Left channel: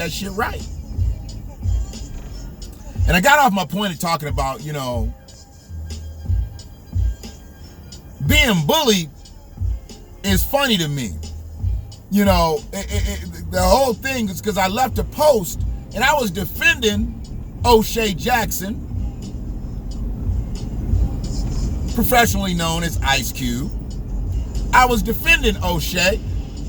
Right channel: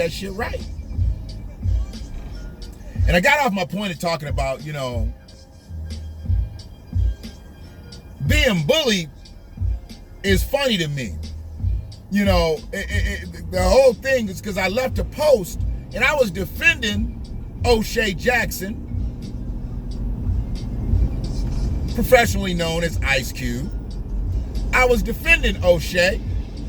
that shit right. And I got off my point of talking about, you know, being bullied is funny to me. You know, the whole thing is because I left a post and I was defending O'Shea Jackson, professionally known as Ice Cube. I was defending O'Shea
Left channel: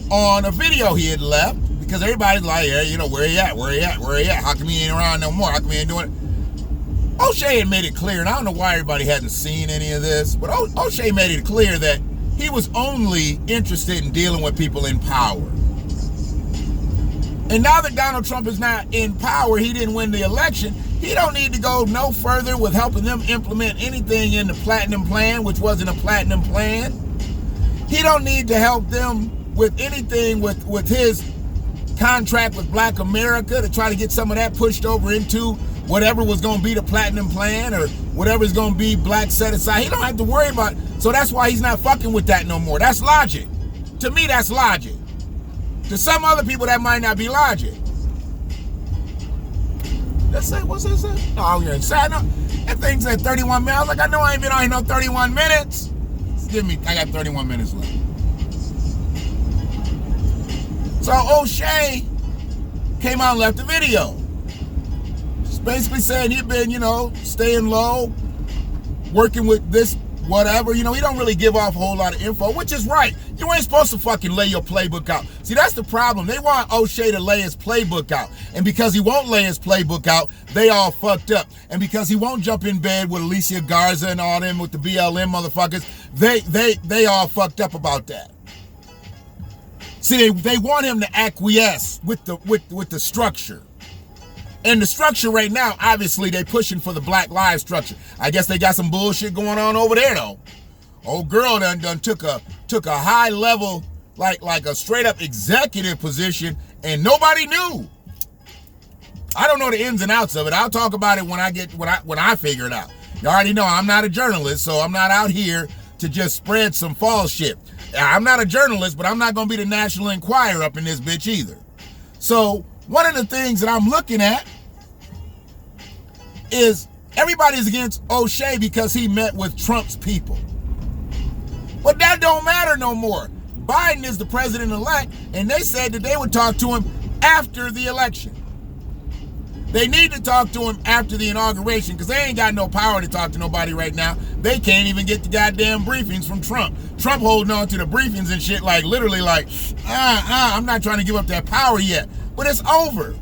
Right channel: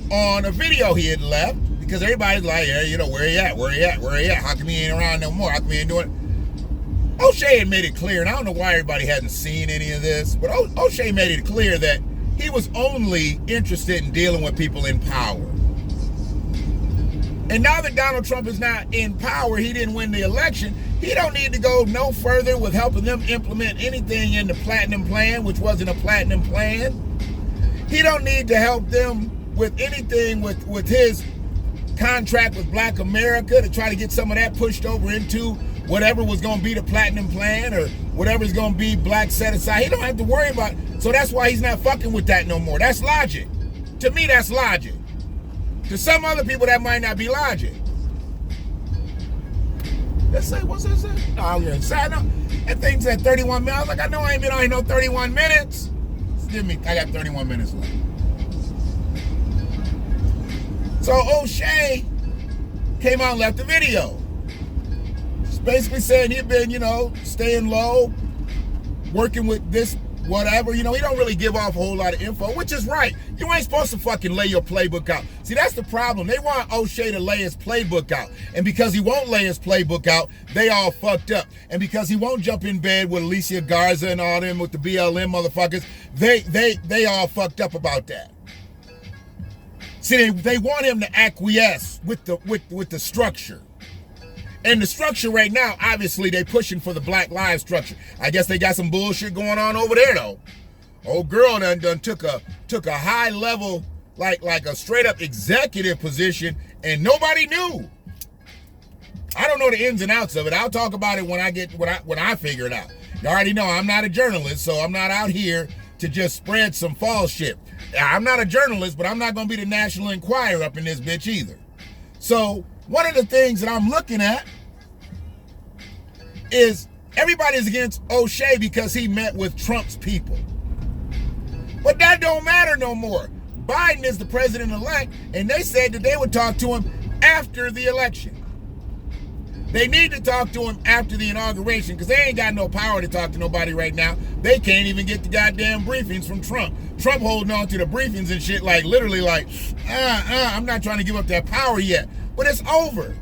on a video he had left because everybody's like, yeah, you know, where he at? How come he ain't around no more? How come he ain't doing it? O'Shea had made it clear, and I don't know why everybody hasn't seen any of this, but O'Shea made it clear that he was only interested in dealing with people in power. And now that Donald Trump is not in power, he didn't win the election, he don't need to go no further with helping them implement anything in the Platinum Plan, which wasn't a Platinum Plan. He don't need to help them with anything with his contract with Black America to try to get some of that pushed over into whatever was going to be the Platinum Plan or whatever's going to be Black set aside. He don't have to worry about it. So that's why he's not fucking with that no more. That's logic. To me, that's logic. To some other people, that might not be logic. Let's say, what's this? Oh, you're inside. No, that thing's at 31 minutes. I was like, I know I ain't been on here no 31 minutes. I got 31 minutes left. So O'Shea came out and left a video. Just basically saying he'd been, you know, staying low, working with this whatever. You know, he don't really give off a whole lot of info, which is right. You ain't supposed to fucking lay your playbook out. See, that's the problem. They want O'Shea to lay his playbook out. And because he won't lay his playbook out, they all fucked up. And because he won't jump in bed with Alicia Garza and all them with the BLM motherfuckers, they all fucked up about that. See, they want him to acquiesce with the structure. And the structure right now, obviously, they pushing for the Black Lives structure. I guess they got some bullshit going on over there, though. Old girl done took a high level, like a straight up executive position, and nobody knew. I don't know the ins and outs of it. I'll talk about it when I figure it out. You already know I'm not a journalist, so I'm not out here to just spread some false shit. I'm not a journalist, but I'm not gonna be the National Enquirer up in this bitch either. So one of the things that I'm looking at is everybody's against O'Shea because he met with Trump's people. But that don't matter no more. Biden is the president-elect, and they said that they would talk to him after the election. They need to talk to him after the inauguration because they ain't got no power to talk to nobody right now. They can't even get the goddamn briefings from Trump. Trump holding on to the briefings and shit like literally like, I'm not trying to give up that power yet. But it's over.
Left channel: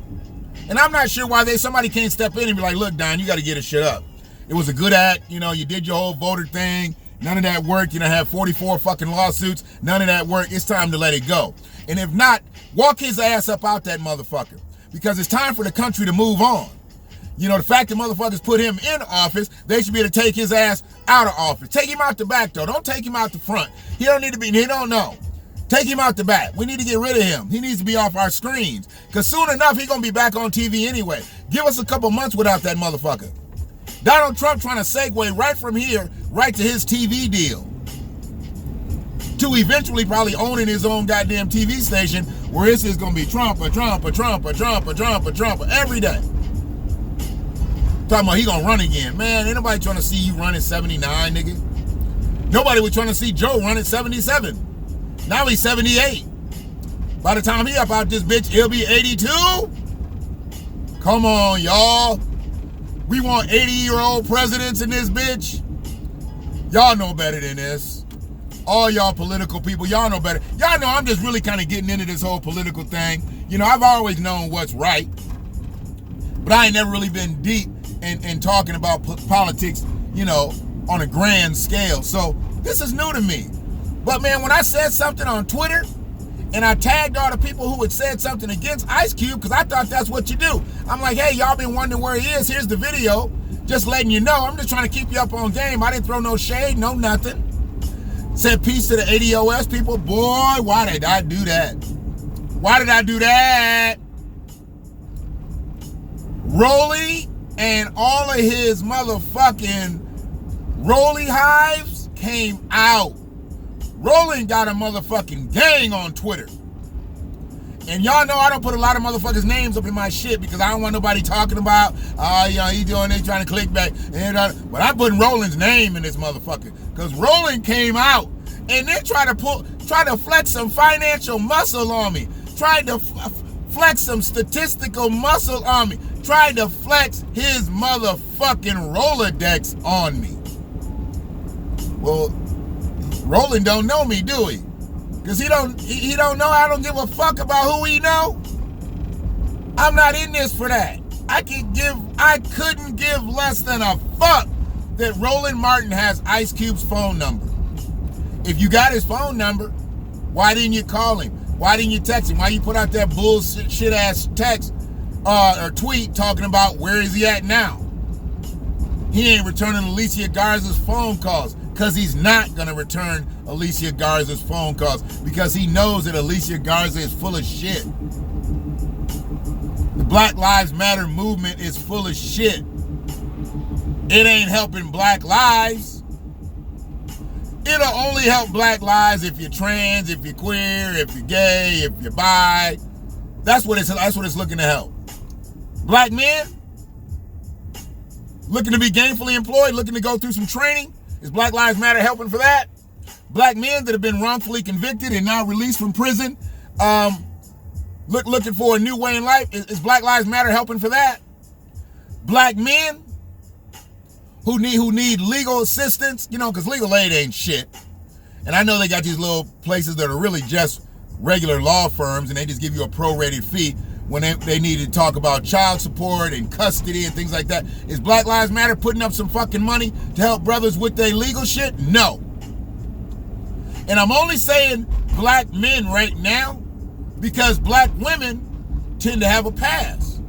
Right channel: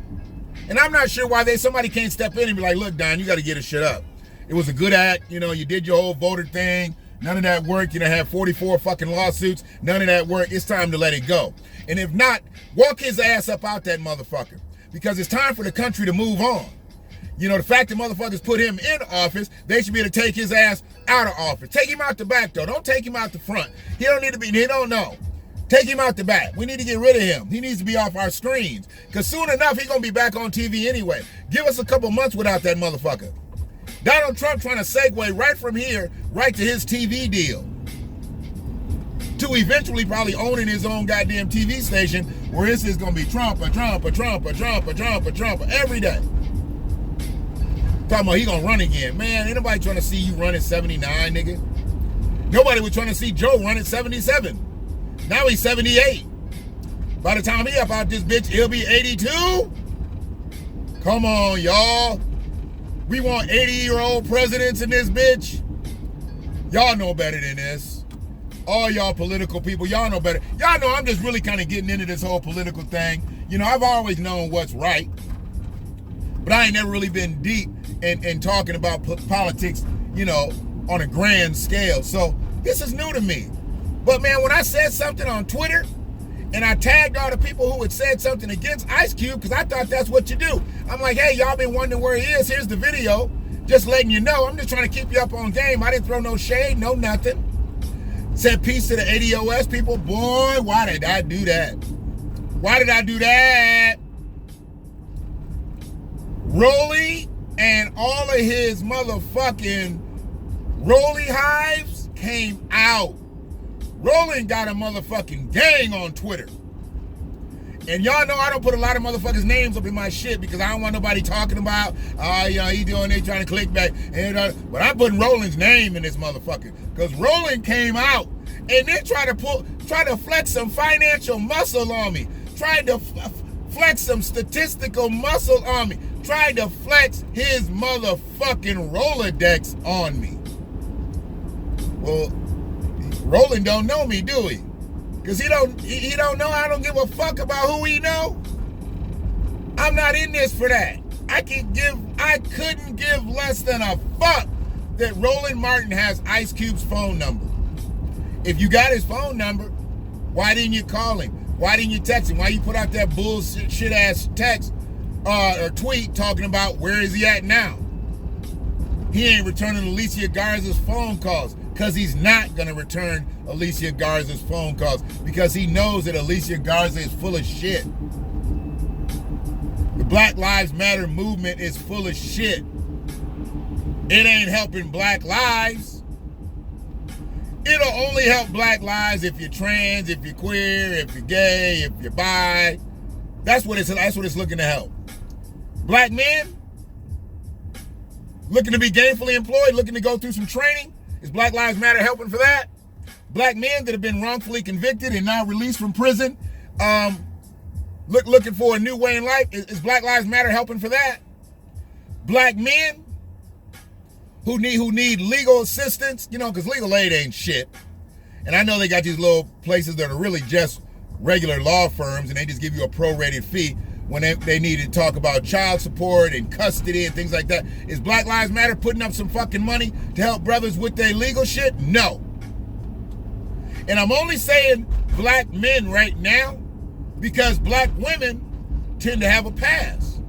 And I'm not sure why somebody can't step in and be like, look, Don, you got to get this shit up. It was a good act. You know, you did your whole voter thing. None of that worked. You know, had 44 fucking lawsuits. None of that worked. It's time to let it go. And if not, walk his ass up out that motherfucker. Because it's time for the country to move on. You know, the fact that motherfuckers put him in office, they should be able to take his ass out of office. Take him out the back, though. Don't take him out the front. He don't know. Take him out the back. We need to get rid of him. He needs to be off our screens. Because soon enough, he's going to be back on TV anyway. Give us a couple months without that motherfucker. Donald Trump trying to segue right from here, right to his TV deal. To eventually probably owning his own goddamn TV station where it's just going to be Trump every day. Talking about he going to run again. Man, ain't nobody trying to see you run at 79, nigga. Nobody was trying to see Joe run at 77. Now he's 78. By the time he up out this bitch, he'll be 82. Come on, y'all. We want 80-year-old presidents in this bitch. Y'all know better than this. All y'all political people, y'all know better. Y'all know I'm just really kind of getting into this whole political thing. You know, I've always known what's right. But I ain't never really been deep in talking about politics, you know, on a grand scale. So this is new to me. But man, when I said something on Twitter and I tagged all the people who had said something against Ice Cube, because I thought that's what you do. I'm like, hey, y'all been wondering where he is. Here's the video. Just letting you know. I'm just trying to keep you up on game. I didn't throw no shade, no nothing. Said peace to the ADOS people. Boy, why did I do that? Why did I do that? Rolly and all of his motherfucking Rolly hives came out. Rolling got a motherfucking gang on Twitter. And y'all know I don't put a lot of motherfuckers' names up in my shit because I don't want nobody talking about, he doing, they trying to click back. But I'm putting Roland's name in this motherfucker. Because Roland came out and then try to flex some financial muscle on me. Tried to flex some statistical muscle on me. Tried to flex his motherfucking Rolodex on me. Well, Roland don't know me, do he? Because he don't know I don't give a fuck about who he know. I'm not in this for that. I couldn't give less than a fuck that Roland Martin has Ice Cube's phone number. If you got his phone number, why didn't you call him? Why didn't you text him? Why you put out that bullshit shit ass text or tweet talking about where is he at now? He ain't returning Alicia Garza's phone calls because he's not going to return Alicia Garza's phone calls because he knows that Alicia Garza is full of shit. The Black Lives Matter movement is full of shit. It ain't helping black lives. It'll only help black lives if you're trans, if you're queer, if you're gay, if you're bi. That's what it's looking to help. Black men looking to be gainfully employed, looking to go through some training. Is Black Lives Matter helping for that? Black men that have been wrongfully convicted and now released from prison, looking for a new way in life. Is Black Lives Matter helping for that? Black men who need legal assistance, because legal aid ain't shit. And I know they got these little places that are really just regular law firms and they just give you a prorated fee when they need to talk about child support and custody and things like that. Is Black Lives Matter putting up some fucking money to help brothers with their legal shit? No. And I'm only saying black men right now because black women tend to have a pass.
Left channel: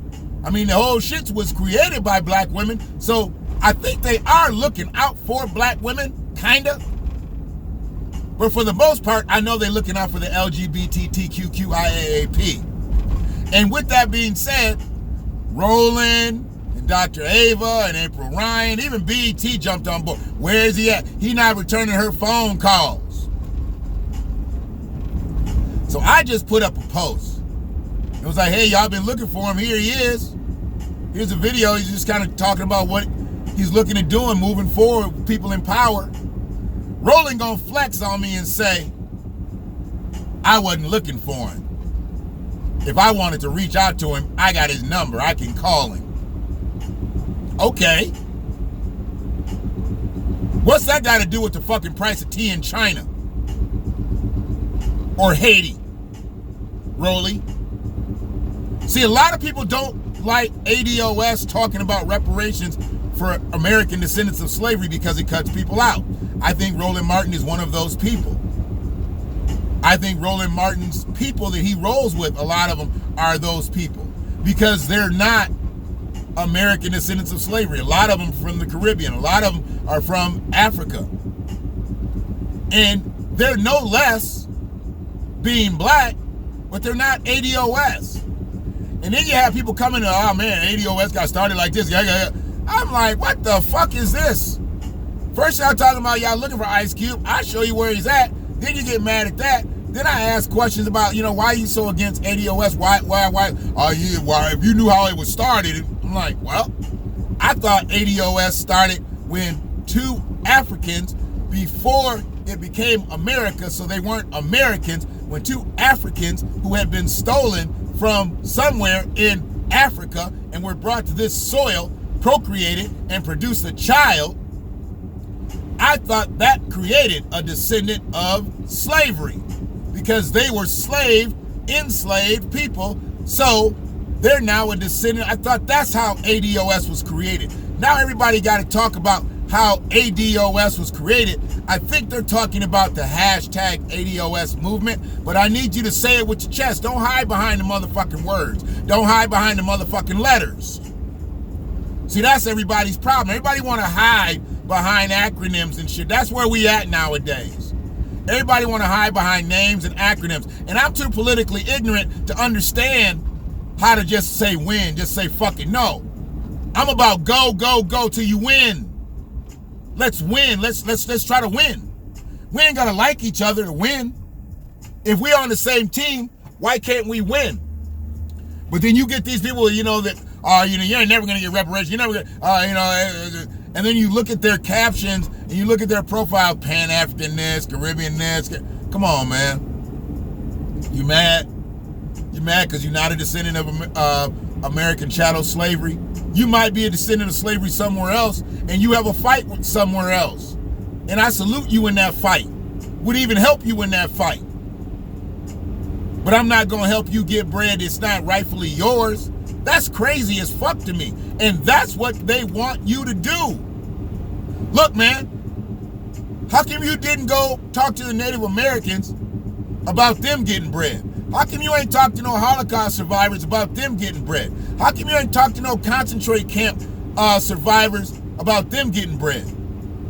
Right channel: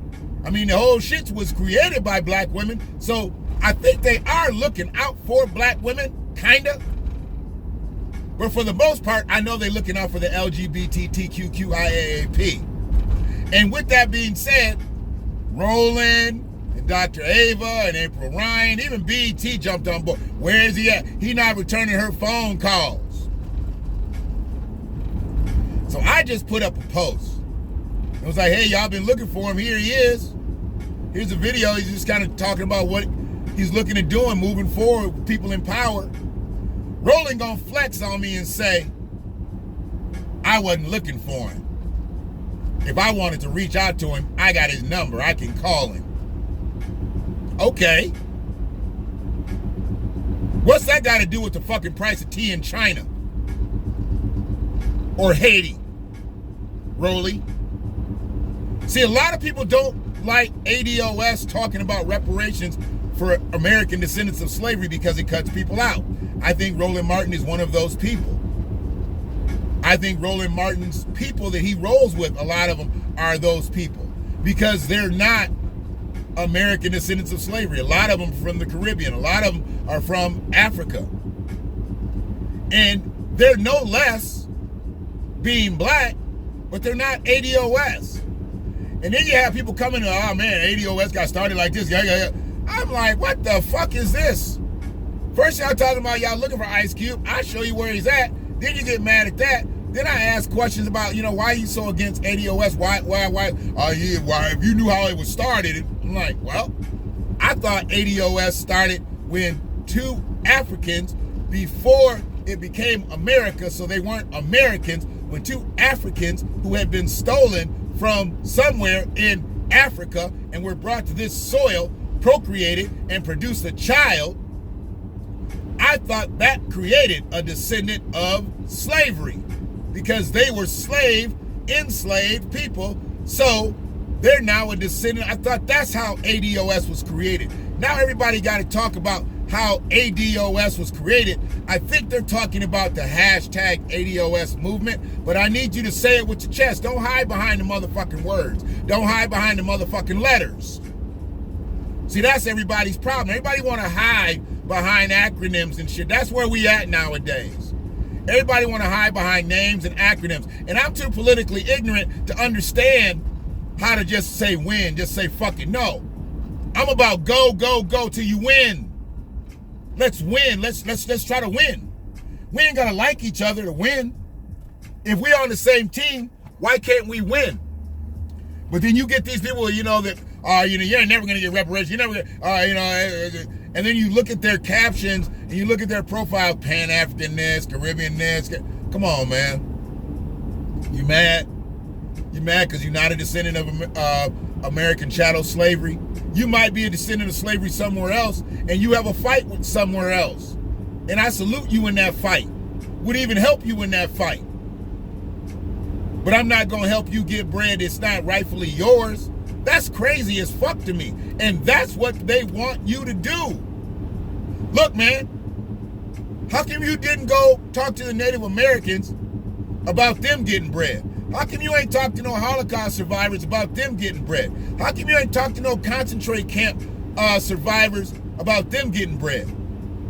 I mean, the whole shit was created by black women, so I think they are looking out for black women, kinda. But for the most part, I know they're looking out for the LGBTQIAAP. And with that being said, Roland and Dr. Ava and April Ryan, even BET jumped on board. Where is he at? He not returning her phone calls. So I just put up a post. It was like, hey, y'all been looking for him. Here he is. Here's a video. He's just kind of talking about what he's looking at doing, moving forward with people in power. Roland gonna flex on me and say, I wasn't looking for him. If I wanted to reach out to him, I got his number. I can call him. Okay. What's that got to do with the fucking price of tea in China? Or Haiti? Rolly? See, a lot of people don't like ADOS talking about reparations for American Descendants of Slavery because it cuts people out. I think Roland Martin is one of those people. I think Roland Martin's people that he rolls with, a lot of them are those people because they're not American Descendants of Slavery. A lot of them from the Caribbean. A lot of them are from Africa. And they're no less being black, but they're not ADOS. And then you have people coming, oh man, ADOS got started like this. I'm like, what the fuck is this? First y'all talking about y'all looking for Ice Cube. I show you where he's at. Then you get mad at that. Then I ask questions about, why are you so against ADOS? Why? If you knew how it was started, I'm like, well, I thought ADOS started when two Africans, before it became America, so they weren't Americans, when two Africans who had been stolen from somewhere in Africa and were brought to this soil, procreated and produced a child. I thought that created a descendant of slavery because they were enslaved people. So they're now a descendant. I thought that's how ADOS was created. Now everybody got to talk about how ADOS was created. I think they're talking about the hashtag ADOS movement, but I need you to say it with your chest. Don't hide behind the motherfucking words. Don't hide behind the motherfucking letters. See, that's everybody's problem. Everybody want to hide behind acronyms and shit. That's where we at nowadays. Everybody want to hide behind names and acronyms. And I'm too politically ignorant to understand how to just say win, just say fuck it. No. I'm about go till you win. Let's win. Let's try to win. We ain't gonna like each other to win. If we're on the same team, Why can't we win? But then you get these people, that you ain't never gonna get reparations. You're never gonna, and then you look at their captions and you look at their profile, Pan-African this, Caribbean this. Come on, man. You mad? You mad because you're not a descendant of American chattel slavery? You might be a descendant of slavery somewhere else, and you have a fight with somewhere else. And I salute you in that fight. Would even help you in that fight. But I'm not going to help you get bread that's not rightfully yours. That's crazy as fuck to me. And that's what they want you to do. Look, man, how come you didn't go talk to the Native Americans about them getting bread? How come you ain't talked to no Holocaust survivors about them getting bread? How come you ain't talked to no concentrate camp survivors about them getting bread?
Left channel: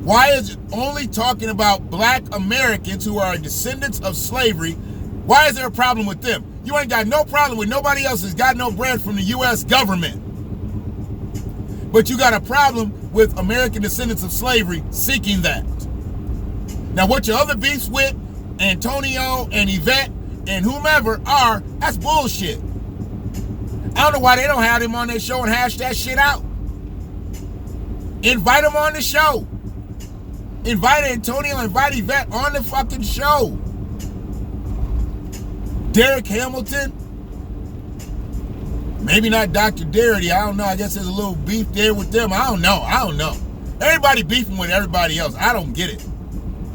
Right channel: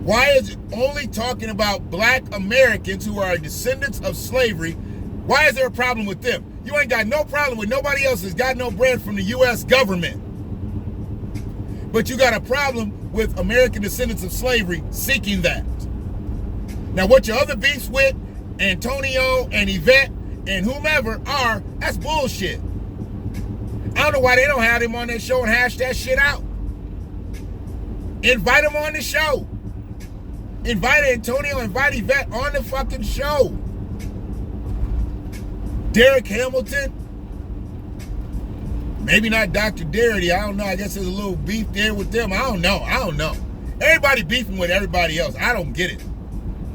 Why is it only talking about black Americans who are descendants of slavery? Why is there a problem with them? You ain't got no problem with nobody else has got no bread from the U.S. government. But you got a problem with American descendants of slavery seeking that. Now, what your other beefs with Antonio and Yvette and whomever are, that's bullshit. I don't know why they don't have him on their show and hash that shit out. Invite him on the show. Invite Antonio, invite Yvette on the fucking show. Derek Hamilton, maybe not Dr. Darity, I don't know. I guess there's a little beef there with them. I don't know. Everybody beefing with everybody else. I don't get it.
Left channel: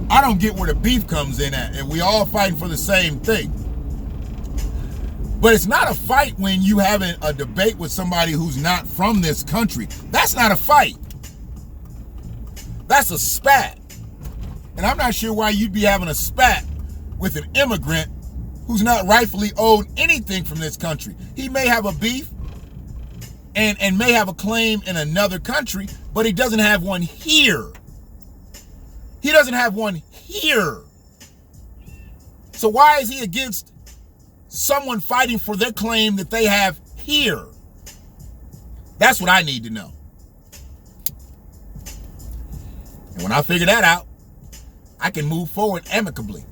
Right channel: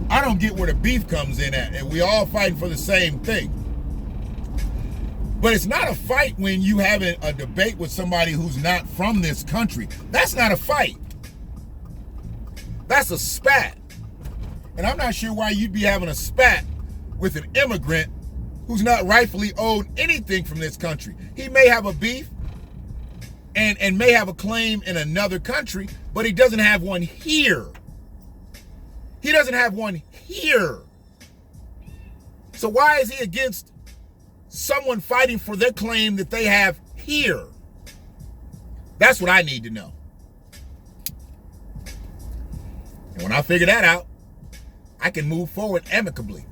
I don't get where the beef comes in at, and we all fighting for the same thing. But it's not a fight when you having a debate with somebody who's not from this country. That's not a fight. That's a spat. And I'm not sure why you'd be having a spat with an immigrant who's not rightfully owed anything from this country. He may have a beef and may have a claim in another country, but he doesn't have one here. He doesn't have one here. So why is he against someone fighting for their claim that they have here? That's what I need to know. And when I figure that out, I can move forward amicably.